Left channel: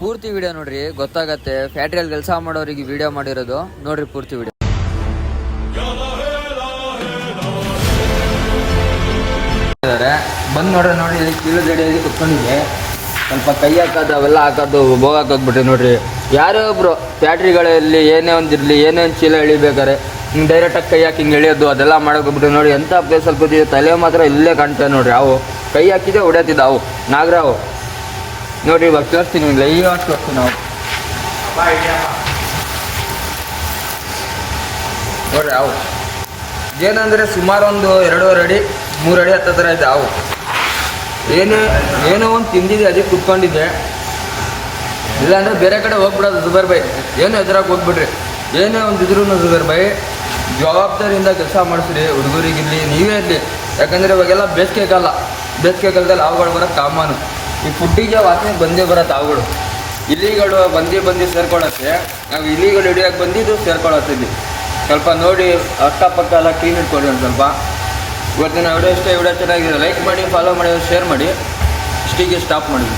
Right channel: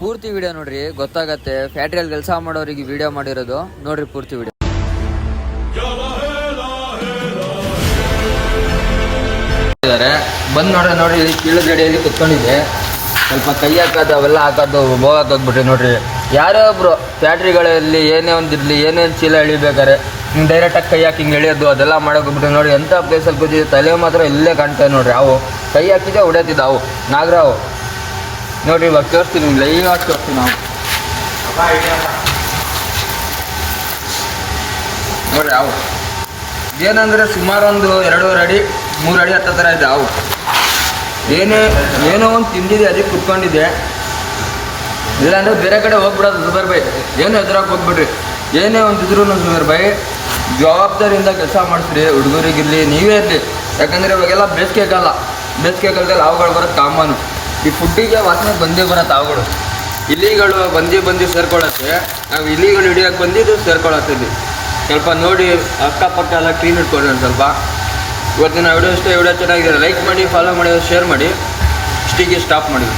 ಪೂರ್ತಿ ವಿಡಿಯೋ ನೋಡ್ರಿ, ಗೊತ್ತಾಗತ್ತೆ. ಫ್ಯಾಕ್ಟ್ರಿಯಲ್ಲಿ ಕೆಲಸ ಮಾಡೋರಿಗೆ ವಿಡಿಯೋ ಮಾಡಿರೋದು ನೋಡ್ರಿ ಪೂರ್ತಿ ವಿಡಿಯೋ. ಬಂದು ನೋಡಿ ಇಲ್ಲಿ ಕೀಳು ರೆಡಿಯಾಗಿ ಕುತ್ಕೊಂಡಿದ್ದೆ. ಸ್ವಲ್ಪ ಕೈ ಹಾಕೋದು ಅವೆಲ್ಲ ಹಾಕೋದು ಬೋಗಾಕ್ ಹೋಗ್ಬಿಟ್ರಿ ನೋಡ್ರಿ. ಯಾರೇ ಒಬ್ರು ಫ್ಯಾಕ್ಟ್ರಿಗಳಲ್ಲಿ ಏನೇ ಒಂದಿರಲಿ, ಏನೇನು ಚೀಲ ಎಳಿಬೇಕಾರೆ ಹಿಂಗೆ ಡೈರೆಕ್ಟಾಗಿ ಕೈ ಹಾಕಿ ಹಿಂಗೆ ಎಳಿಯೋದು ಅದೆಲ್ಲ ಮಾಡೋಕ್ಬಿಟ್ರಿ ನೋಡಿ. ಎಂಥ ಪ್ಲೇಸಲ್ಲಿ ಕೂತಿದ್ದೆ, ತಲೆ ಮಾತ್ರ ಇಲ್ಲೇ ಕಾಣ್ತಾ ನೋಡ್ರಿ. ಅವು ಕೈ ಹಾಕಿದ್ದೆ ಹೊಡೆಯತ್ತಿದ್ದ ಅವು ನಾಗರಾವು ನೋಡ್ರಿ. ಇವಾಗ ತೋರಿಸ್ತೀನಿ, ಲೈವ್ ಆಗಿ ತೋರಿಸ್ತೀನಿ. ನಾವು ನೋಡ್ರಿ ಅವು ಏನಂದರೆ ಸುಮಾರು ಒಂದು 2.5 ಅಡಿ 3 ಅಡಿ ಹತ್ತ ಥರ ಇದೆ. ಅವು ಏನೋ ಒಂದು ತಿಂದಿದೆ, ಅದಕ್ಕೆ ಕುತ್ಕೊಂಡಿದ್ದೆ. ಇಲ್ಲಾಂದರೆ ಬೇರೆ ಕಡೆ ಹೋಗ್ಬಿಡೋದು. ಜುಬೇರ್ ಬೈ ಏನು ಎದುರಾಗಿ ಹೋಗ್ಬಿಡ್ರಿ. ಏನೇ ಒಂದು ಇದ್ರೂ ಜುಬೇರ್ ಬೈ ಜವಾಬ್ದಾರಿಯಿಂದ ಕೆಲಸ ಮಾಡಿಸ್ರಿ. ಹುಡುಗರಿಗಿರಲಿ ನೀವೇ ಇರಲಿ. ಯಾಕಂದರೆ ಇವಾಗೆಲ್ಲ ಬೇಸಿಗೆಗಾಲದಲ್ಲಿ ಅವುಗಳು ಬರೋದು ಕಾಮನು. ಈ ಫುಡ್ಡಿಗೆ ವಾಸನೆ ಬಂದೇ ಬರತ್ತೆ ಅವುಗಳು. ಇಲಿಗಳು ಬಂದು ಸೇರ್ಕೊಳ್ಳುತ್ತೆ. ನಾವು ಇಲಿಗಳು ಹಿಡಿಯೋಕೆ ಬಂದಿದ್ದು ಸೇರ್ಕೊಳ್ಳುತ್ತೆ. ಇಲ್ಲಿ ಸ್ವಲ್ಪ ನೋಡಿ ಅಕ್ಕಪಕ್ಕ ಎಲ್ಲ ಕ್ಲೀನ್ ಇಟ್ಕೊಳ್ಳಿ ಒಂದು ಸ್ವಲ್ಪ. ಇವತ್ತಿನ ವಿಡಿಯೋ ಚೆನ್ನಾಗಿದೆ. ಲೈಕ್ ಮಾಡಿ, ಫಾಲೋ ಮಾಡಿ, ಶೇರ್ ಮಾಡಿ. ಇಷ್ಟಿಗೆ ಸ್ಟಾಪ್ ಮಾಡಿ.